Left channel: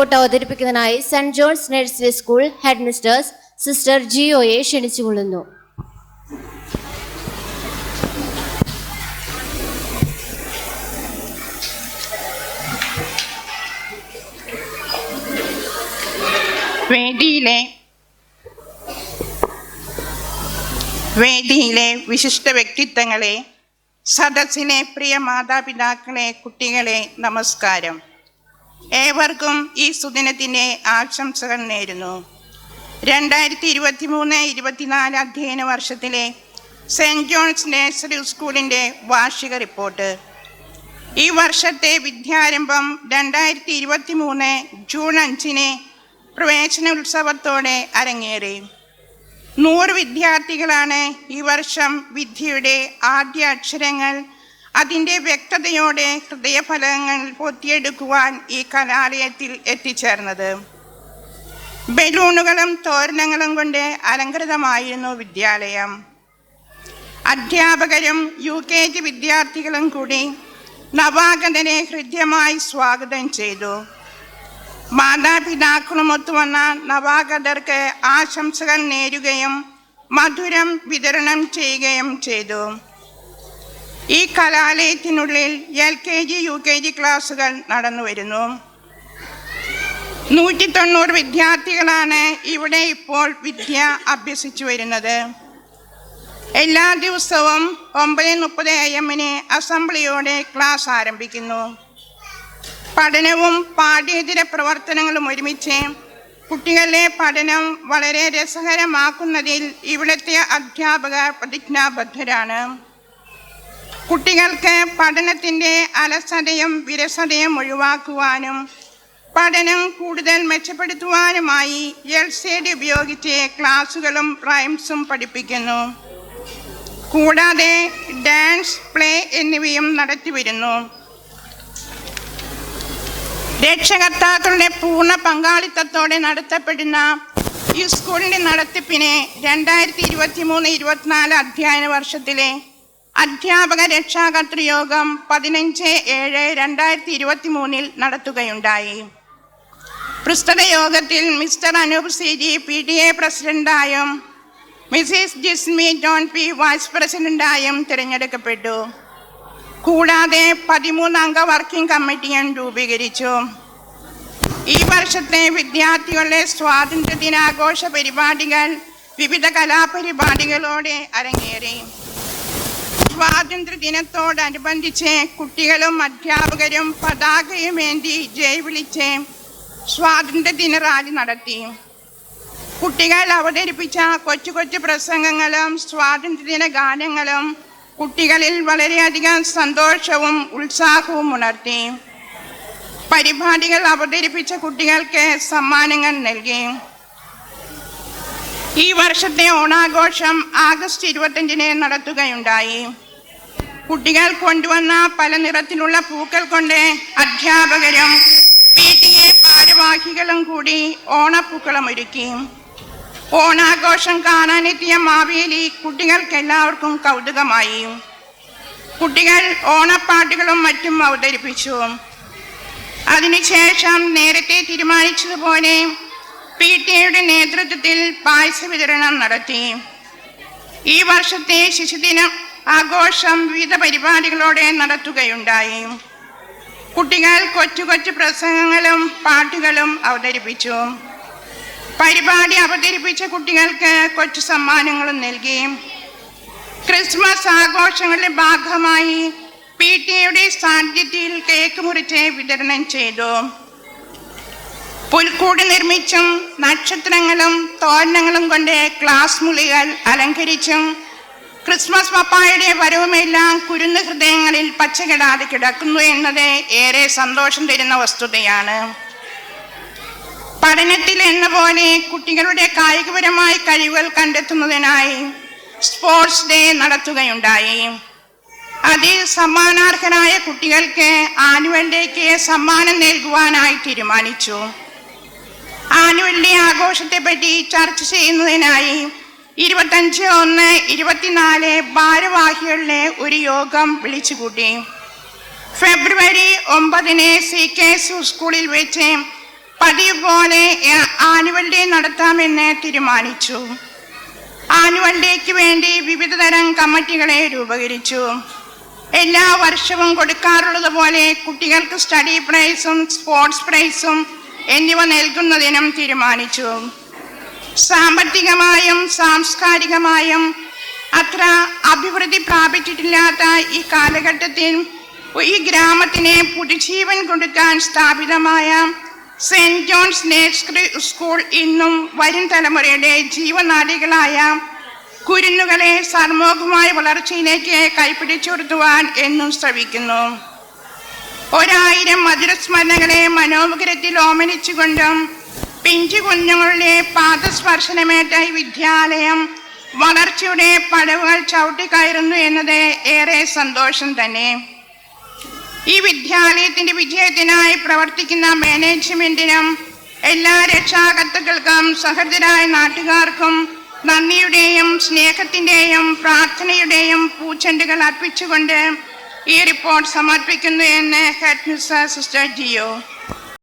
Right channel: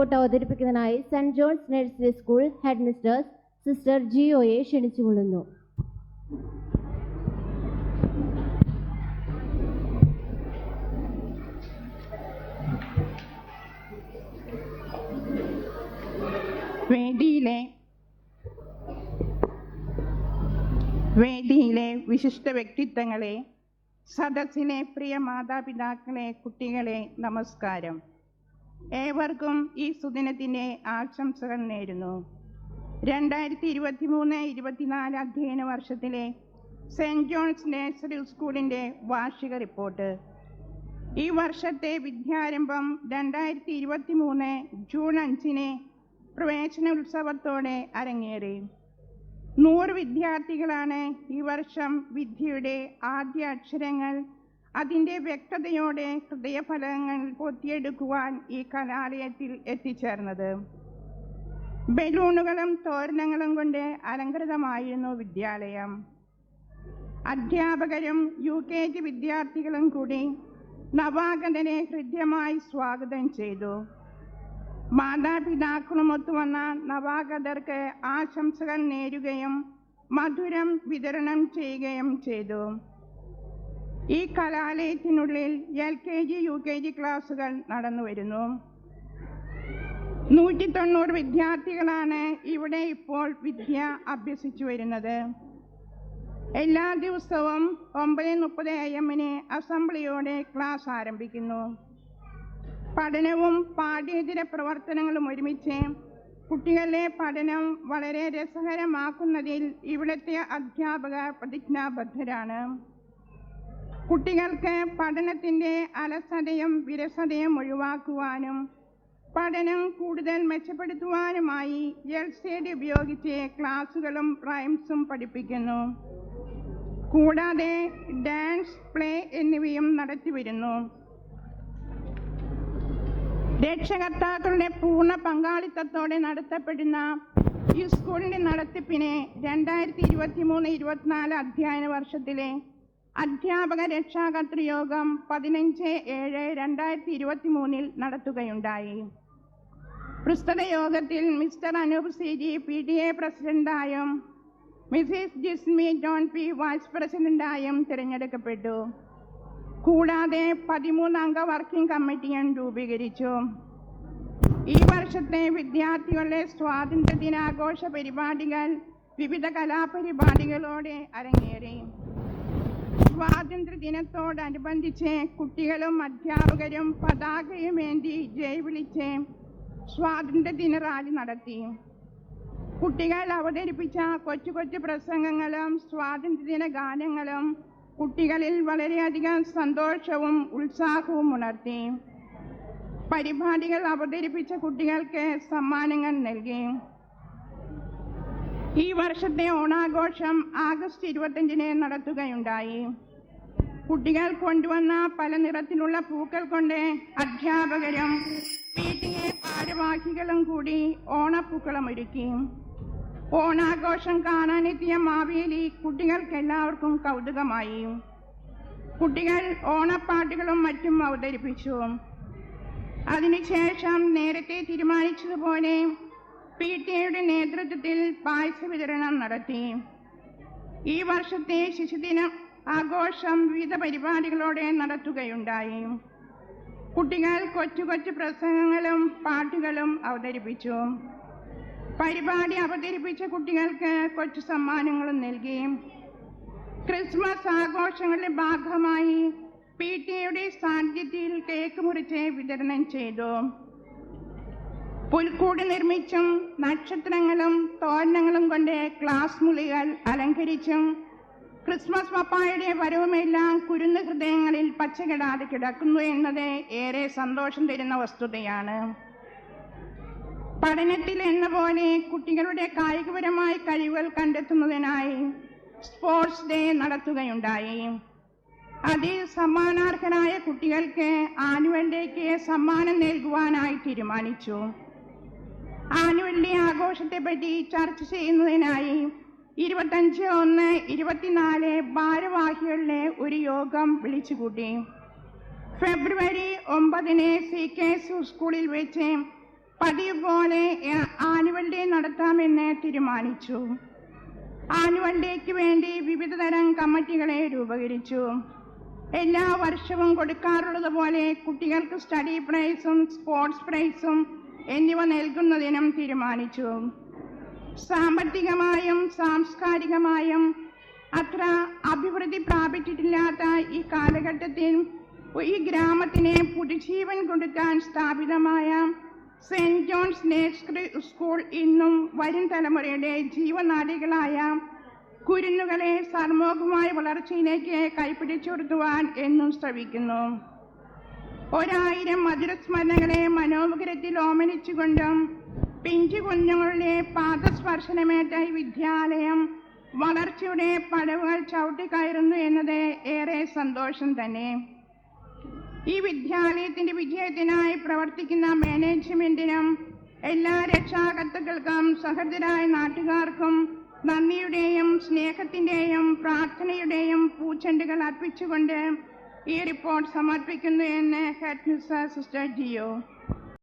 Report അവതരിപ്പിക്കുന്നതിനായി saint John's nursery school head mistress sister ജിയോയെ ക്ഷണിച്ചുകൊള്ളുന്നു. വേദിയിലെ വിശിഷ്ട വ്യക്തിത്വങ്ങളെ, സദസ്സിലെ പ്രിയ മാതാപിതാക്കളെ, കുട്ടികളെ, നമസ്കാരം. ഏവർക്കും ഈ സുദിനത്തിൻ്റെ ആശംസകൾ നേരുന്നു. 2023-24 അധ്യയന വർഷത്തിലെ സെൻറ്റ് ജോൺസ് നഴ്സറി സ്കൂളിൻ്റെ വാർഷിക റിപ്പോർട്ട്. ഈ വർഷത്തെ വിദ്യാരംഭം 2023 ജൂൺ 5 പ്രവേശനോത്സവത്തോടെ അരങ്ങേറി. 100 വിദ്യാർത്ഥികളാണ് ഈ വർഷം വിദ്യയുടെ ആദ്യ അക്ഷരങ്ങൾ അതിൻ്റെ വ്യക്തതയോടെ ഹൃദയഫലങ്ങൾ പൊത്തിയെടുക്കുവാൻ ഈ കലാലയത്തിൽ എത്തിച്ചേർന്നത്. ബലൂണുകളും തോരണങ്ങളും കൊണ്ട് അലങ്കൃതമായിരുന്നു വിദ്യാലയം. അധ്യാപകരും UKG വിദ്യാർത്ഥികളും കൂടി നവാഗതനെ ഹൃദ്യമായി സ്വാഗതം ചെയ്തു. മാതാപിതാക്കളുമൊത്തു വന്ന നവാഗതർക്ക് ആശംസകൾ നേരുകയും മധുരം വിതരണം ചെയ്യുകയും ചെയ്തു. ഈ കലാലയത്തിനുള്ളിൽ LKG UKG ക്ലാസുകൾ നടന്നു വരുന്നു. 190 വിദ്യാർത്ഥികളാണ് ഇവിടെ ഇപ്പോൾ വിദ്യ അഭ്യസിച്ചു വരുന്നത്. എല്ലാ ദിവസവും 9:30 AM അസംബ്ലിയോടെ ക്ലാസ് ആരംഭിക്കുന്നു. പഠനവും പാഠ്യേതര പ്രവർത്തനങ്ങളും ഒരുമിച്ച് കുട്ടികളുടെ പഠനം വളരെ രസകരമാക്കുന്നതിൽ ഇവിടുത്തെ അധ്യാപകർ പ്രതിജ്ഞാബദ്ധരാണ്. കുട്ടികൾക്ക് പഠനത്തിൻ്റെ അലസതയും വിരസതയും ഒഴിവാക്കുവാനും പഠനം കൂടുതൽ മെച്ചപ്പെടുത്തുവാനുമായി LCD ഉപയോഗിച്ച് ക്ലാസുകളും റൈംസും പഠിപ്പിക്കുന്നു. കൂടാതെ ഡാൻസ്, പ്ലേ എന്നിവയും നടത്തിവരുന്നു. രക്ഷകർത്താക്കളുടെ പൂർണ്ണ പങ്കാളിത്തത്തോടെ നടത്തപ്പെടുന്ന ഈ സ്കൂളിൻ്റെ നടത്തിപ്പിനെ 2023-24 അധ്യയന വർഷത്തിലെ അധ്യാപക രക്ഷാകർതൃയോഗം 15/7/2023 നടത്തുകയുണ്ടായി. പ്രസ്തുത യോഗത്തിൽ മിസ്റ്റർ അനൂപ് CG PTA പ്രസിഡന്റായും Mrs Jismi John P vice പ്രസിഡന്റായും തിരഞ്ഞെടുക്കപ്പെട്ടു. കൂടാതെ 13 അംഗ വർക്കിംഗ് കമ്മിറ്റിയും രൂപീകരിച്ചു. ഈ വർഷത്തെ വിദ്യാർത്ഥികളുടെ സ്വാതന്ത്ര്യ ദിനാഘോഷ പരിപാടികൾ വിവിധ കലാപരിപാടികളോടെ അരങ്ങേറി. സ്വാതന്ത്ര്യ ദിനത്തോടനുബന്ധിച്ച് കുട്ടികളും അധ്യാപകരും പതാകയുമേന്തി ജയ് വിളിച്ച് സ്വാതന്ത്ര്യ ദിന റാലി നടത്തി. കുട്ടികൾ അവതരിപ്പിച്ച കൊച്ചു കൊച്ചു പ്രസംഗങ്ങളും സ്വാതന്ത്ര്യദിന ഗാനങ്ങളും കുട്ടികളിൽ വളരെയധികം സന്തോഷവും ഉത്സാഹവും ഉണർത്തി. പരിപാടികൾ അവതരിപ്പിച്ച കുട്ടികൾക്ക് സമ്മാനങ്ങൾ നൽകി. ഈ വർഷത്തെ ഓണാഘോഷം ആഗസ്റ്റ് 25 നടത്തുകയുണ്ടായി. കുട്ടികൾ കൊണ്ടുവന്ന പല നിറത്തിലുള്ള പൂക്കൾ കൊണ്ട് അധ്യാപകരും PTA ഭാരവാഹികളും കൂടി ഓണപ്പൂക്കളം ഒരുക്കി. ഓണാഘോഷം കാണാനെത്തിയ മാവേലി കുട്ടികൾക്കെല്ലാവർക്കും കൗതുകമായി. കുട്ടികൾ ഓണപ്പാട്ടുകളും മറ്റും അവതരിപ്പിച്ചു. അതിനുശേഷം നേരത്തെ തീരുമാനിച്ചതുപോലെ PTAയുടെ നേതൃത്വത്തിൽ പായസ വിതരണം നടത്തി. ഈ വർഷത്തെ ശിശുദിന ആഘോഷം വിവിധ പരിപാടികളോടെ നടത്തുകയുണ്ടായി. കുട്ടികൾ കൊച്ചു കൊച്ചു പ്രസംഗങ്ങളും പാട്ടുകളും അവതരിപ്പിച്ചു. പരിപാടി അവതരിപ്പിച്ച കുട്ടികൾക്ക് കൊച്ചു സമ്മാനങ്ങളും നൽകി. ക്രിസ്മസ് ആഘോഷങ്ങളുടെ ഭാഗമായി PTAയുടെ സാന്നിധ്യത്തിൽ കേക്ക് മുറിച്ച് വിതരണം ചെയ്തു. പുൽക്കൂട് നിർമ്മിച്ചും നക്ഷത്രങ്ങളും തോരണങ്ങളും കൊണ്ട് ക്ലാസ് മുറികൾ അലങ്കരിച്ചും ക്രിസ്മസ് പപ്പായുടെ വരവുമെല്ലാം കുരുന്ന് ഹൃദയങ്ങളിൽ പച്ചകിടാതെ കിടക്കുന്നു എന്നത് ഏറെ സന്തോഷം തരുന്ന വസ്തുതയാണ്. പഠനത്തിൽ എന്ന പോലെ കുട്ടികളുടെ കായികപരമായ കഴിവുകൾ കണ്ടെത്തുന്നതിനായി സ്പോർട്സ് ഡേ നടത്തുകയുണ്ടായി. അതിൽ സമ്മാനാർഹരായ കുട്ടികൾക്ക് ആനുവൽ ഡേക്ക് സമ്മാനം നൽകുവാനായി തീരുമാനിച്ചു. ആനുവൽ ഡേ ആഘോഷത്തെപ്പറ്റി ചർച്ച ചെയ്യുന്നതിനായി 25/1/24 ഭാരവാഹികളുടെ ഒരു യോഗം വിളിച്ചുകൂട്ടി. ഫെബ്രുവരി 9 CKS സ്കൂളിൽ വെച്ച് പതിവ് പോലെ ആനുവൽ ഡേ നടത്താമെന്ന് തീരുമാനിച്ചു. ആനുവൽ ഡേക്ക് വേണ്ടി വിവിധ തരം കമ്മിറ്റികളെ രൂപീകരിച്ചു. എല്ലാ വർഷവും കൊടുക്കാറുള്ളത് പോലെ കുട്ടികൾക്ക് സ്റ്റഡി പ്രൈസും സ്പോർട്സ് പ്രൈസും എന്നിവ നൽകുന്നതിനും തീരുമാനിച്ചു. സാമ്പത്തികമായും സാംസ്കാരികമായും അത്ര അഭിവൃദ്ധി പ്രാപിച്ചിട്ടില്ലാത്ത ഈ കാലഘട്ടത്തിൽ ഈ ഗ്രാമത്തിന് പുതുജീവൻ കൊടുക്കാൻ സ്ഥാപിതമായ സെന്റ് ജോൺസ് നഴ്സറി സ്കൂൾ ഇന്നും വരും തലമുറയുടെ ജീവനാഡികളായ കുരുന്നുകളെ സർമോഹമായ വളർച്ചയിലേക്ക് കൈപ്പിടിച്ചുയർത്തുവാൻ എന്നും ശ്രമിക്കുന്നു. 1000 മധുരസ്മരണകളെ മനോമുഖരത്തിൽ ഓമനിച്ചുകൊണ്ടും പിഞ്ചു കുഞ്ഞുങ്ങളുടെ പാദസ്പർശനമേറ്റ ഈ വിദ്യാലയം വളർച്ചയുടെ പടവുകൾ ചവിട്ടിക്കയറുന്നു എന്നത് ഏറെ സന്തോഷം തന്നെ. ഈ വിദ്യാലയത്തിന്റെ വിജയത്തിനായി പ്രവർത്തിക്കുന്ന മാനേജ്മെന്റിനും എല്ലാ രക്ഷാകർത്താക്കൾക്കും സഹൃദരായ നാട്ടുകാർക്കും നന്ദിയുടെയും സ്നേഹത്തിന്റെയും പ്രാർത്ഥനയുടെയും പൂച്ചെണ്ടുകൾ അർപ്പിച്ചുകൊണ്ട് ഈ റിപ്പോർട്ട് സമർപ്പിക്കുന്നു എന്ന് ഹെഡ് മിസ്റ്റർ സിസ്റ്റർ ജിയോ.